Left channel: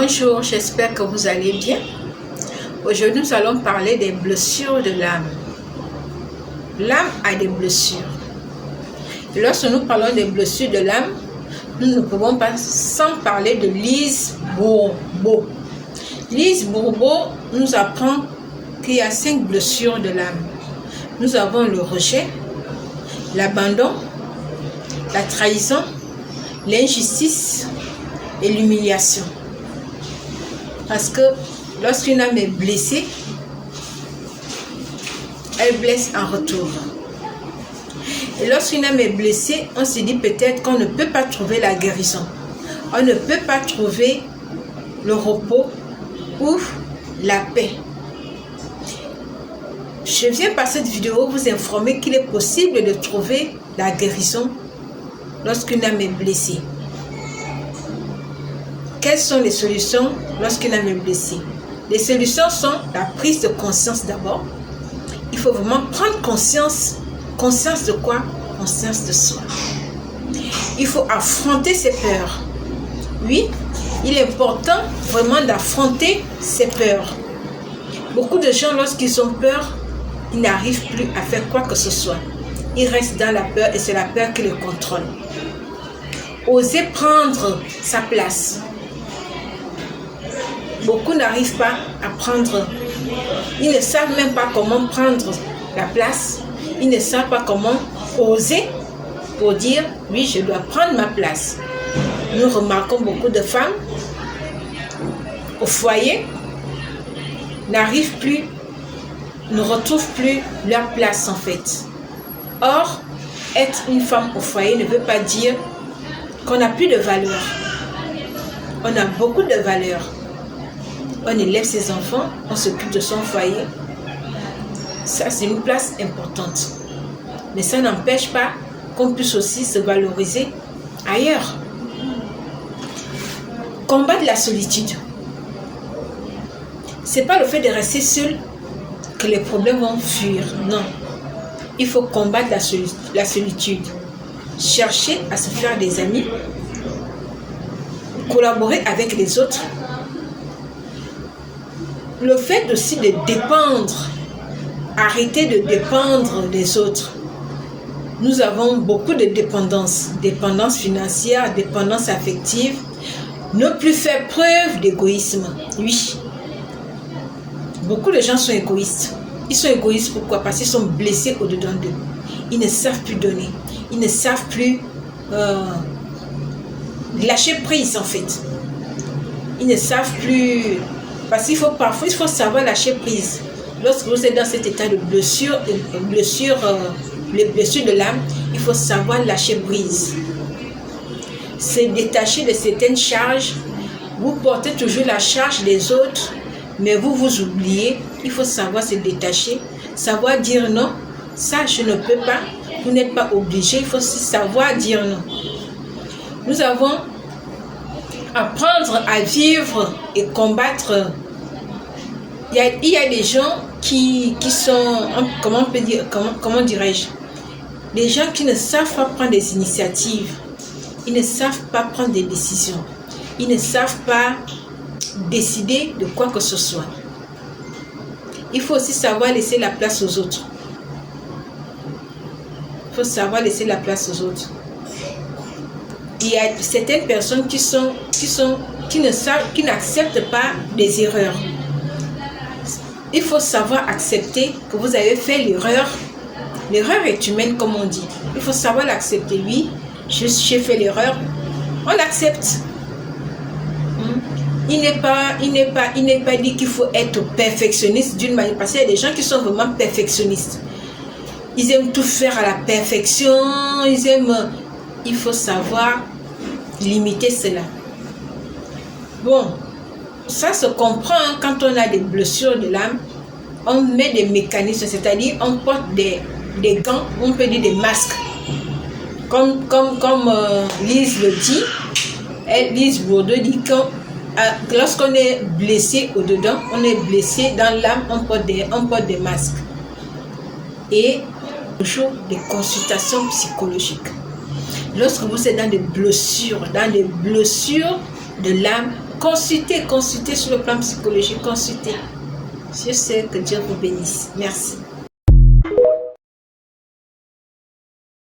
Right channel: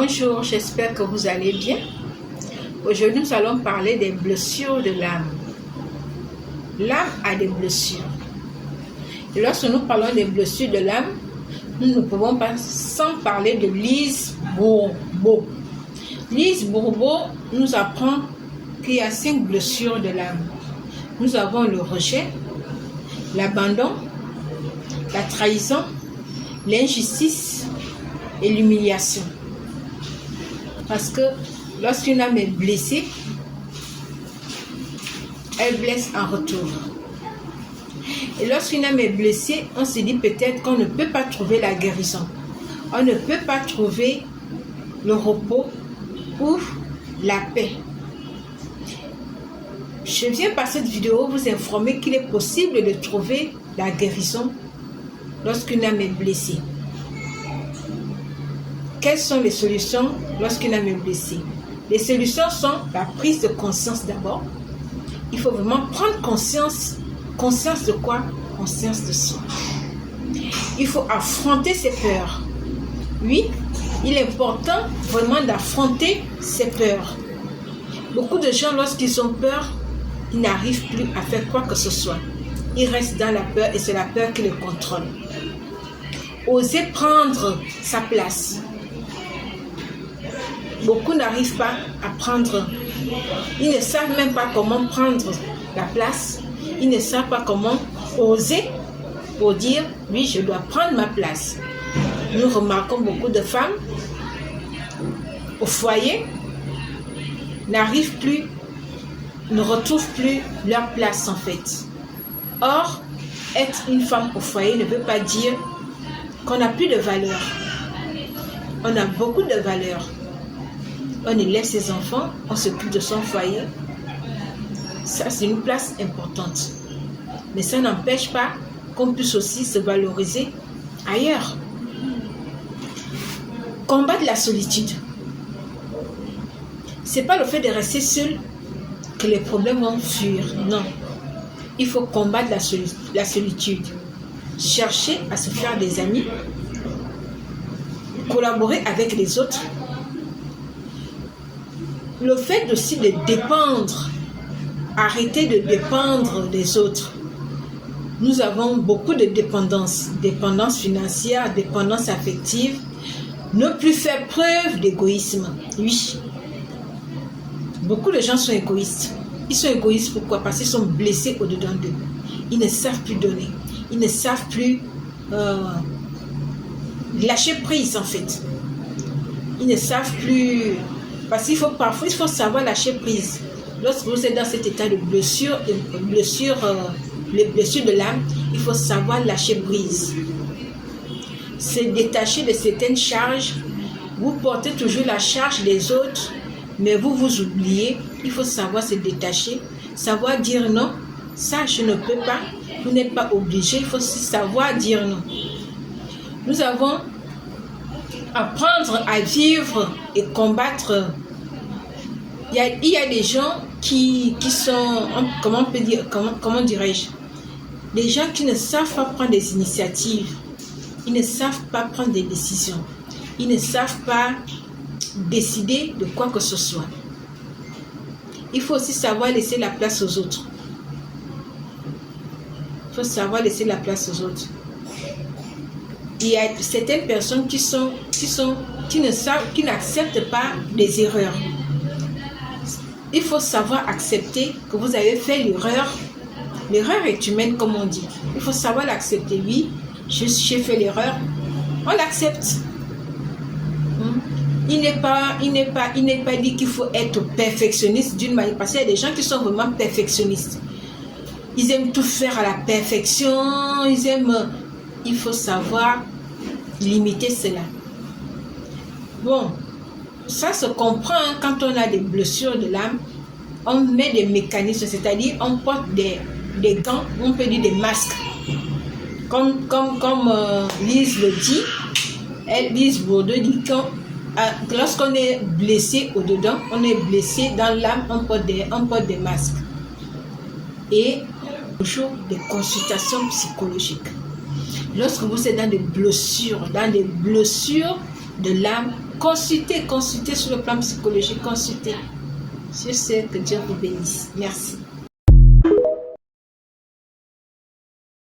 Bonjour, j'espère que vous allez bien. Aujourd'hui, nous allons parler des blessures de l'âme. L'âme a des blessures. Lorsque nous parlons des blessures de l'âme, nous ne pouvons pas sans parler de Lise Bourbeau. Lise Bourbeau nous apprend qu'il y a 5 blessures de l'âme. Nous avons le rejet, l'abandon, la trahison, l'injustice et l'humiliation. Parce que lorsqu'une âme est blessée, elle blesse en retour. Et lorsqu'une âme est blessée, on se dit peut-être qu'on ne peut pas trouver la guérison. On ne peut pas trouver le repos ou la paix. Je viens par cette vidéo vous informer qu'il est possible de trouver la guérison lorsqu'une âme est blessée. Quelles sont les solutions lorsqu'une âme est blessée? Les solutions sont la prise de conscience d'abord. Il faut vraiment prendre conscience. Conscience de quoi? Conscience de soi. Il faut affronter ses peurs. Oui, il est important vraiment d'affronter ses peurs. Beaucoup de gens, lorsqu'ils ont peur, ils n'arrivent plus à faire quoi que ce soit. Ils restent dans la peur et c'est la peur qui les contrôle. Oser prendre sa place. Beaucoup n'arrivent pas à prendre. Ils ne savent même pas comment prendre la place. Ils ne savent pas comment oser pour dire « Oui, je dois prendre ma place ». Nous remarquons beaucoup de femmes au foyer n'arrivent plus, ne retrouvent plus leur place en fait. Or, être une femme au foyer ne veut pas dire qu'on n'a plus de valeur. On a beaucoup de valeur. On élève ses enfants, on s'occupe de son foyer. Ça, c'est une place importante. Mais ça n'empêche pas qu'on puisse aussi se valoriser ailleurs. Combattre la solitude. Ce n'est pas le fait de rester seul que les problèmes vont fuir. Non. Il faut combattre la solitude. Chercher à se faire des amis. Collaborer avec les autres. Le fait aussi de dépendre, arrêter de dépendre des autres. Nous avons beaucoup de dépendance, dépendance financière, dépendance affective. Ne plus faire preuve d'égoïsme. Oui. Beaucoup de gens sont égoïstes. Ils sont égoïstes pourquoi? Parce qu'ils sont blessés au-dedans d'eux. Ils ne savent plus donner. Ils ne savent plus lâcher prise en fait. Ils ne savent plus... Parce qu'il faut parfois, il faut savoir lâcher prise. Lorsque vous êtes dans cet état de blessure, les blessures de l'âme, il faut savoir lâcher prise. Se détacher de certaines charges. Vous portez toujours la charge des autres, mais vous vous oubliez. Il faut savoir se détacher, savoir dire non. Ça, je ne peux pas. Vous n'êtes pas obligé. Il faut aussi savoir dire non. Nous avons apprendre à vivre et combattre. Il y a des gens qui sont, comment dirais-je, des gens qui ne savent pas prendre des initiatives. Ils ne savent pas prendre des décisions. Ils ne savent pas décider de quoi que ce soit. Il faut aussi savoir laisser la place aux autres. Il faut savoir laisser la place aux autres. Il y a certaines personnes qui n'acceptent pas les erreurs. Il faut savoir accepter que vous avez fait l'erreur. L'erreur est humaine comme on dit. Il faut savoir l'accepter. Oui, j'ai fait l'erreur. On l'accepte. Il n'est pas dit qu'il faut être perfectionniste d'une manière. Parce qu'il y a des gens qui sont vraiment perfectionnistes. Ils aiment tout faire à la perfection. Il faut savoir limiter cela. Bon, ça se comprend quand on a des blessures de l'âme. On met des mécanismes, c'est-à-dire on porte des gants, on peut dire des masques. Comme Lise le dit, Lise Bourbeau dit que lorsqu'on est blessé au-dedans, on est blessé dans l'âme, on porte des masques. Et toujours des consultations psychologiques. Lorsque vous êtes dans des blessures, de l'âme, consultez sur le plan psychologique, consultez. Je sais que Dieu vous bénisse. Merci.